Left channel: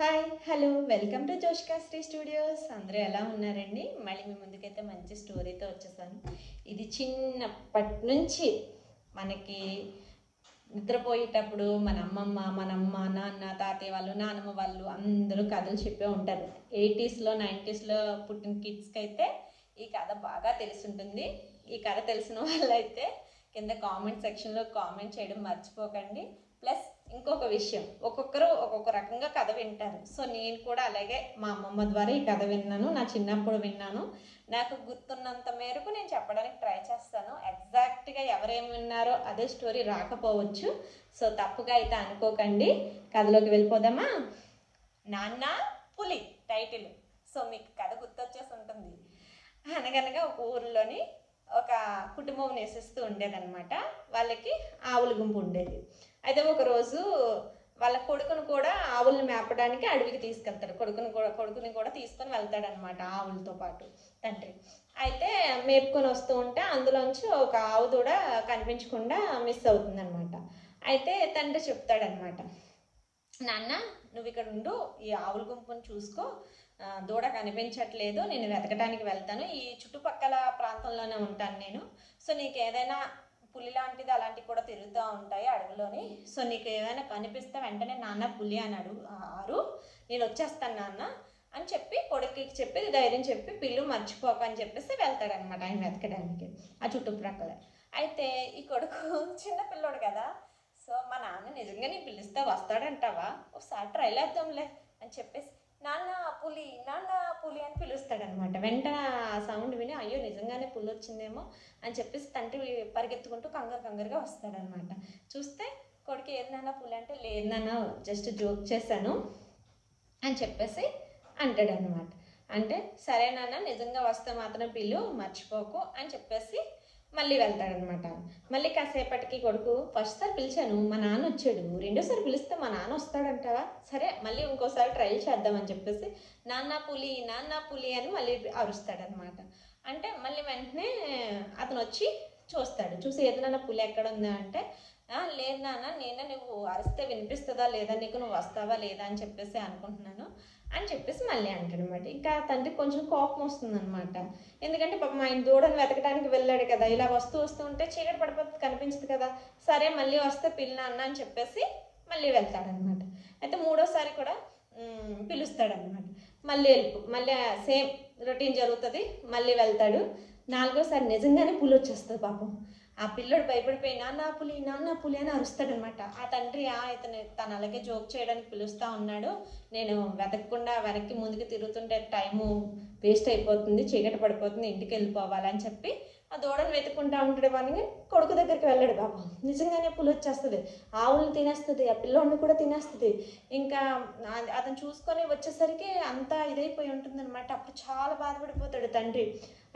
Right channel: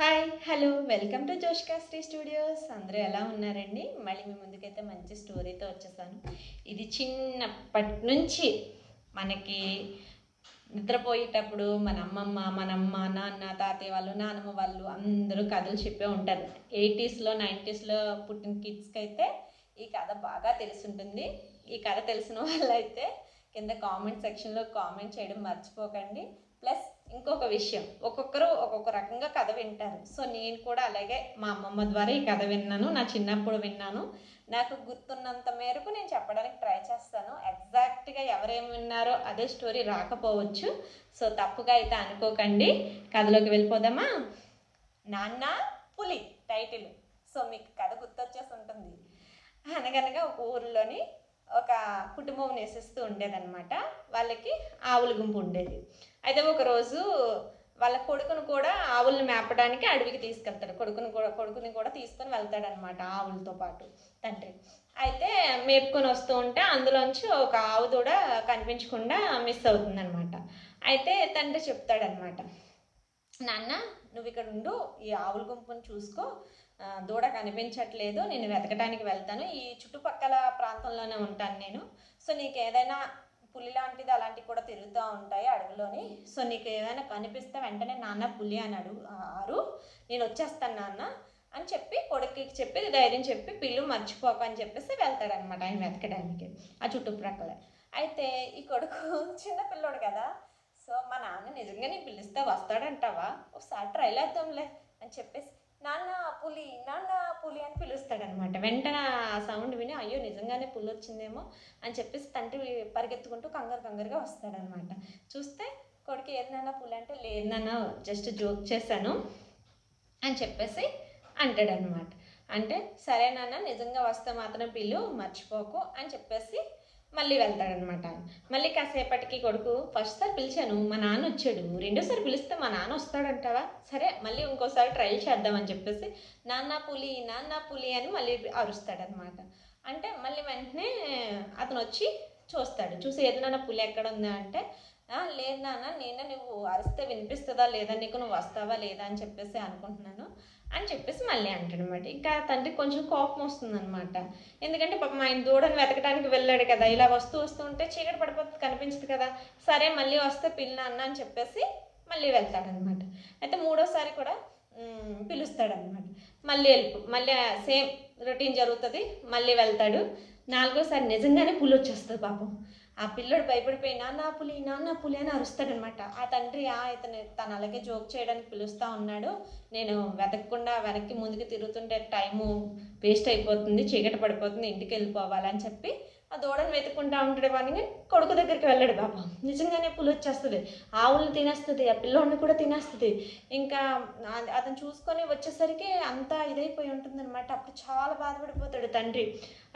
Hi hello welcome to జోష్కాస్ట్రీ studios. అందరూ ఎలా ఉన్నారండి? మళ్ళీ మీ ముందుకైతే మంచి స్టోరీతో వచ్చేసాను. ఇది చిన్నప్పటి నుంచి మనకి నిద్రపోయేటప్పుడు మన అమ్మమ్మ, మనమ్మ, నాన్న, తాతయ్య వాళ్ళు, నానమ్మ వాళ్ళు అందరూ కథలు చెప్పే ఉంటారు. 80s లో 90sలో పుట్టిన కిడ్స్కి అయితే ఈ కథ బాగా తెలుసుంటుంది. ఈ కథ తెలిసిన వాళ్ళైతే కింద కామెంట్ సెక్షన్లో కామెంట్ చేయడం మర్చిపోకండి. ప్లస్ ఇంకొక విషయం, ఒక్కొక్కరు ఒక్కొక్క రకంగా కథ వింటారు. సో నేను కూడా అలాగే మా అమ్మమ్మ ద్వారా ఈ కథ విన్నాను, నా చిన్నప్పుడు విన్నాను. నాకు గుర్తున్నంత మేరకు నేను చెప్పడానికి ట్రై చేస్తాను. ఎగ్జాక్ట్గా ఎవరేమి విన్నారో అదే స్టోరీ రాకపోవచ్చు. సో తప్పుగా అయితే అనుకోకండి. కథలోకి వెళ్ళిపోదామా? నాన్న పులి టైటిల్. సో మీకు కథ గుర్తొచ్చేసి ఉంటుంది. అనగనగా ఒక ఊరిలోని ఒక కుటుంబం నివసిస్తూ ఉండేదన్నమాట. వాళ్ళకి ఆవుల గుంపు ఉండేది. అయితే ఒకరోజు వాళ్ళ కొడుకును కూడా ఆవులను మేపడానికి అడవికి తీసుకెళ్తాడు. కొడుకుని కూడా తీసుకొని వెళ్తాడనమాట ఆవులతో పాటు తండ్రి. అయితే మేపుకొని వస్తూ ఉంటే అందులోంచి ఒక ఆవు దూడ కనిపించకుండా మిస్ అవుతుందన్నమాట. అయితే తండ్రి చెప్తాడనమాట, నాన్న నువ్వు ఇక్కడ ఉండు, ఈ ఆవుల గుంపును చూసుకో, దూడ కనిపించట్లేదు, నేను వెతకడానికి వెళ్తాను, ఈ చుట్టుపక్కల ప్రాంతంలోనే ఉంటాను నేను. సో నీకు ఏదైనా పులి లాంటిది అలాంటివి కూడా తిరుగుతూ ఉంటాయి అడవిలోని. సో నీకు ఏదైనా కనిపిస్తే వెంటనే నాన్న పులి అని ఆరు, నేను వచ్చేస్తాను నాన్న అని చెప్పి కొడుకుకి చెప్పి ధైర్యం చెప్పి పిల్లు మర్చిపోక అని చెప్పేసి వెళ్తాడనమాట ఆయన వెతకడానికి ఆ చుట్టుప్రక్కల. అయితే ఈ కొడుకు చిన్న పిల్లోడు కదా, సో మా నాన్న నిజంగా నేను పిలిస్తే వస్తాడంటావా, ఒకసారి ట్రై చేద్దాంలే అని చెప్పేసి నాన్న పులి అని పిలుస్తాడనమాట. వెంటనే ఆ సౌండ్ విని అయ్యో నిజంగానే పులి వచ్చిందేమో అని చెప్పేసి తండ్రి పరిగెత్తుకుంటూ కంగారుగా వస్తాడనమాట. చూస్తే కొడుకు ఏది నాన్న పులి అంటే, లేదు నాన్న జస్ట్ జోక్ చేశాను అని చెప్పేసి అంటాడనమాట. అంటే సరే నాన్న నిజంగా వస్తే మాత్రం పిల్లు మర్చిపోకు అని చెప్పేసి మళ్ళీ వెళ్తాడనమాట. మళ్ళీ కాసేపటికి కొడుకు, ఫస్ట్ సారి పిలిచాను మా నాన్న వచ్చాడు, రెండోసారి పిలిస్తే మా నాన్న వస్తాడంటావా, సరే మళ్ళీ ఇంకోసారి ట్రై చేద్దామని చెప్పేసి నాన్న పులి అని మళ్ళీ అరుస్తాడనమాట. అంటే మళ్ళీ వెంటనే అతను వచ్చి చూసి ఏది నాన్న పులి ఎక్కడ ఉందా అంటే, లేదు నాన్న నేను నువ్వు అరిస్తే వినిపిస్తుందా లేదా, నీకు నువ్వు వస్తావా లేదా అని చెప్పేసి అనుకుంటున్నాను అని చెప్పేసి మళ్ళీ అంటాడనమాట. ఇంకా తండ్రికి కొంచెం కోపం వస్తుందనమాట. ఎందుకంటే పాపం ఆయన దూడని వెతకడానికి వెళ్ళాడు కదా, ఇలా వస్తూ ఉంటే చీకటి పడిపోతుంది, కనిపించదు కదా, సరే మళ్ళీ వస్తే పిల్ల అన్న అని చెప్పేసి మళ్ళీ వెళ్తాడనమాట. అయితే మూడోసారి కూడా పిలుస్తాడనమాట. మళ్ళీ సేమ్ రొటీన్ జరుగుతుంది, మళ్ళీ వెళ్తాడు. నాలుగోసారి నిజంగానే పులి వచ్చేస్తుంది. పాపం ఆ పిల్లడు భయపడిపోయి నాన్న పులి అని అరుస్తాడనమాట. ఆ తండ్రి తను అలాగే జోక్ చేయడానికి పిలుస్తూ ఉన్నాడు, నేను వెతకకుండా వెనక్కి ముందుకు తిరుగుతుంటే టైము వేస్ట్ అయిపోతుంది, చీకటి పడిపోతుంది, ఇంటికి వెళ్ళిపోవాలని చెప్పి ఆ దూడను వెతుక్కుంటా ఉంటాడు. వాడిని కొడుకు దగ్గరికి వెళ్ళాడు. బాబా నిజంగానే పులి వచ్చేస్తుంది, ఆవులను తినేస్తుంది, ఆ పిల్లోడిని కూడా తినేస్తుంది. ఇంకా అతను చూసుకొని వచ్చేసరికి అంతా ఇదైపోయి ఉంటుంది అనమాట. అప్పుడు చాలా బాధపడిపోతాడు తండ్రి,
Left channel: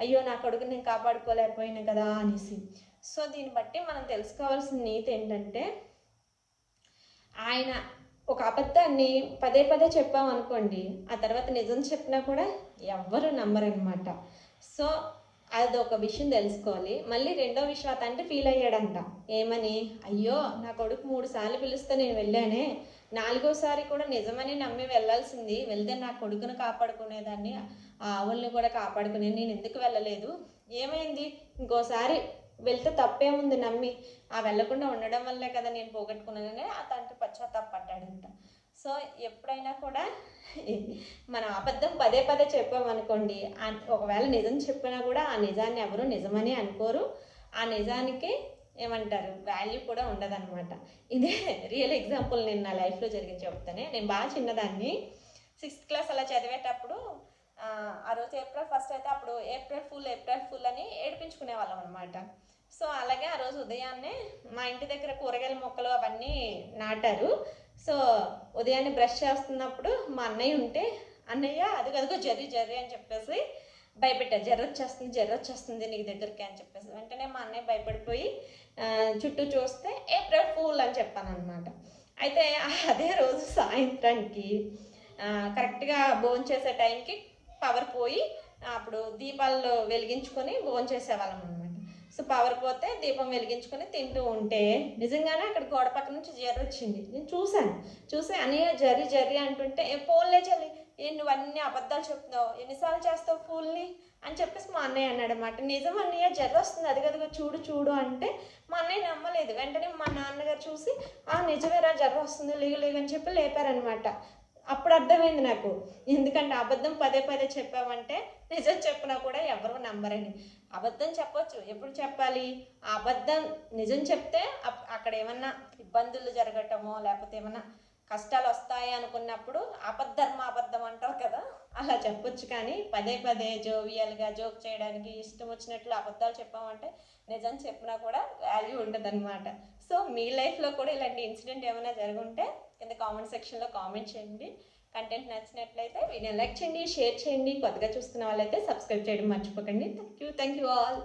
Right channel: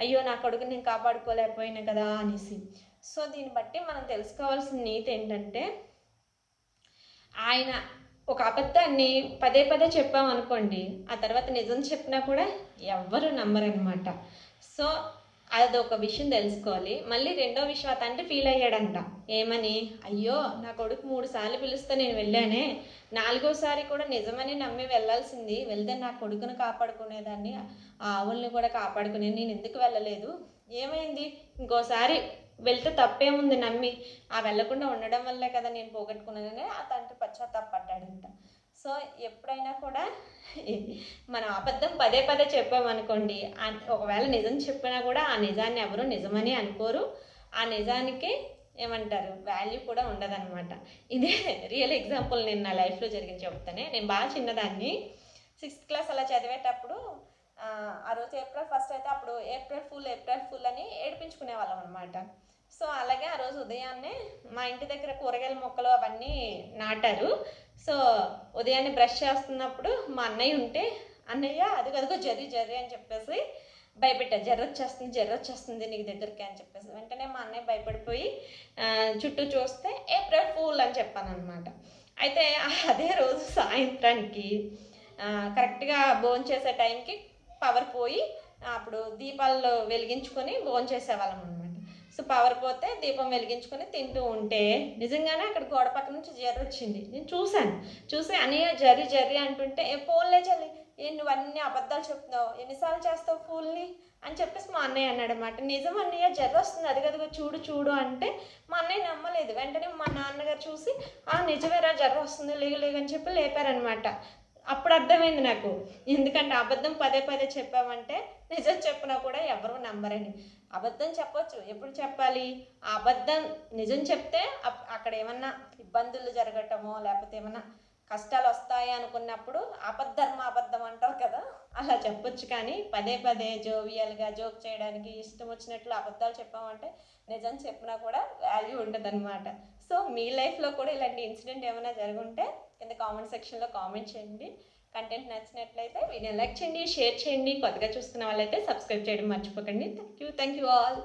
అయ్యో నా కొడుకుని నేను కాపాడుకోలేకపోయినా కదా అనేసి. సో దీన్ని బట్టి మనం తెలుసుకోవాల్సిన నీతి ఏంటంటే, ఆయన ఒక అబద్ధాన్ని పదే చెప్పామనుకోండి, ఆ తర్వాత నిజం చెప్పినా కూడా ఎవ్వరు నమ్మరనమాట. సో అది ఒక విషయం తెలుసుకోవాలి. మళ్ళీ రెండో విషయం, ఆ తండ్రి ఫీల్ అయ్యాడంట. ఏమని, అయ్యో నా కొడుకు 3 సార్లు పిలిస్తే నేను వెళ్ళానే, 4వసారి కూడా నిజమని నమ్మి వెళ్ళాల్సింది, వెళ్తే నా కొడుకును కాపాడుకునేదాన్ని, ఆ ఆవుల్ని కూడా కాపాడుకునేది, నేను ఎందుకు వెళ్ళలేదు, ఏమైంది, ఇంకోసారి వెళ్తే తప్పేముంది, నమ్మి వెళ్ళకుండా ఉండడం వల్లే కదా నేను పోగొట్టుకున్నానని ఆ తండ్రి పశ్చాత్తాపడ్డాడంట. సో ఎప్పుడైనా కూడా మనం అబద్ధం పదే చెప్పామనుకోండి, ఒకవేళ నిజం చెప్పినా కూడా ఆ నిజాన్ని ఎవరు నిజమని అనుకోరు, ఆ నిజానికి ఏమంటారు వాల్యూ కూడా ఉండదన్నమాట. ఇదే రియల్ ఎగ్జాంపుల్ నేను నా లైఫ్లో జరిగింది చెప్తానే. నేను బాగా చిన్నదాన్ని, 6th క్లాస్ అలా చదివేటప్పుడు ఆ రోజు April 1 అయితే అప్పుడు ఏప్రిల్ ఫుల్ అని ఏడిపించుకునే వాళ్ళం అనమాట. సో అలాగే ఆ రోజు ఉదయాన్నే మా ఇంటి దగ్గర కూరగాయల మొక్కలు అవన్నీ నాటారు. సో ఉదయాన్నే బ్రష్ చేస్తున్నప్పుడు మా అన్నయ్య ఉంటే, అన్నయ్య అదిగో జర్రి అని చెప్పేసి భయపెట్టారు, జర్ర వచ్చేస్తుంది నీకు దగ్గరికి అని చెప్పేసి. వెంటనే మా అన్నయ్య భయపడిపోయి చుట్టూ చూస్తే ఏప్రిల్ ఫూల్ అని చెప్పాను అనమాట. అయితే అదే రోజు సాయంత్రానికి కరెక్ట్గా భోంచేసే టైంకి పవర్ పోయి అప్పుడు దీపాలు వెలిగించుకొని భోంచేసేవాళ్ళం అనమాట. సో పవర్ పోతే దీపం వెలిగించుకొని తింటూ ఉంటే నిజంగానే అక్కడ గోడ పక్క నుంచి జర్రి వచ్చింది. నేను చూసి అన్నయ్య జర్రి అంటుంటే ఫోన్లే చల్లి నువ్వు అన్ని అబద్ధాలు చెప్తున్నావు, ఎన్నిసార్లు చేస్తావు ఫోన్ని అని చెప్పేసి మా అన్నయ్య అన్నాడు అనమాట. నిజం అన్నయ్య జర్ర వస్తుంది, అదిగదిగో చూడు అంటే మా అన్నయ్య నమ్మలేదు. వెంటనే మా నాన్నగారు చూసి నిజమేరా జర్ర వస్తుంది, లేగని చెప్పి లేపారనమాట. అప్పుడు అర్థమైంది నాకు, ఎందుకంటే అబద్ధం పదే చెప్పామంటే నిజం చెప్పినా కూడా ఎవరు నమ్మరని. అబద్ధం చెప్పొచ్చు, ఎప్పుడు చెప్పాలి? ఆ అబద్ధం నిజం చెప్తే అక్కడ ఏమన్నా ఇబ్బందులు జరగటమో లేకపోతే ఏమన్నా కష్టాలు వస్తాయి అనుకున్నప్పుడు అబద్ధం అంటారు కదా, అలా చెప్పొచ్చు. కానీ పదే జోవియల్గా జోక్ చేయడానికి ఇష్టం వచ్చినట్లు అబద్ధాలు చెప్పామంటే నిజం చెప్పినా కూడా వాల్యూ ఉండదన్నమాట. సో మీ లైఫ్లో కూడా ఇలాంటి ఇన్సిడెంట్ ఏమైనా జరుగుంటే కింద కామెంట్ సెక్షన్లో కామెంట్ చేయండి. కంటెంట్ నచ్చినట్లయితే వీడియో లైక్ చేయండి, షేర్ చేయండి. కొత్తగా చూస్తున్న వాళ్ళైతే సబ్స్క్రైబ్ చేయడం మర్చిపోకండి. Thank you all.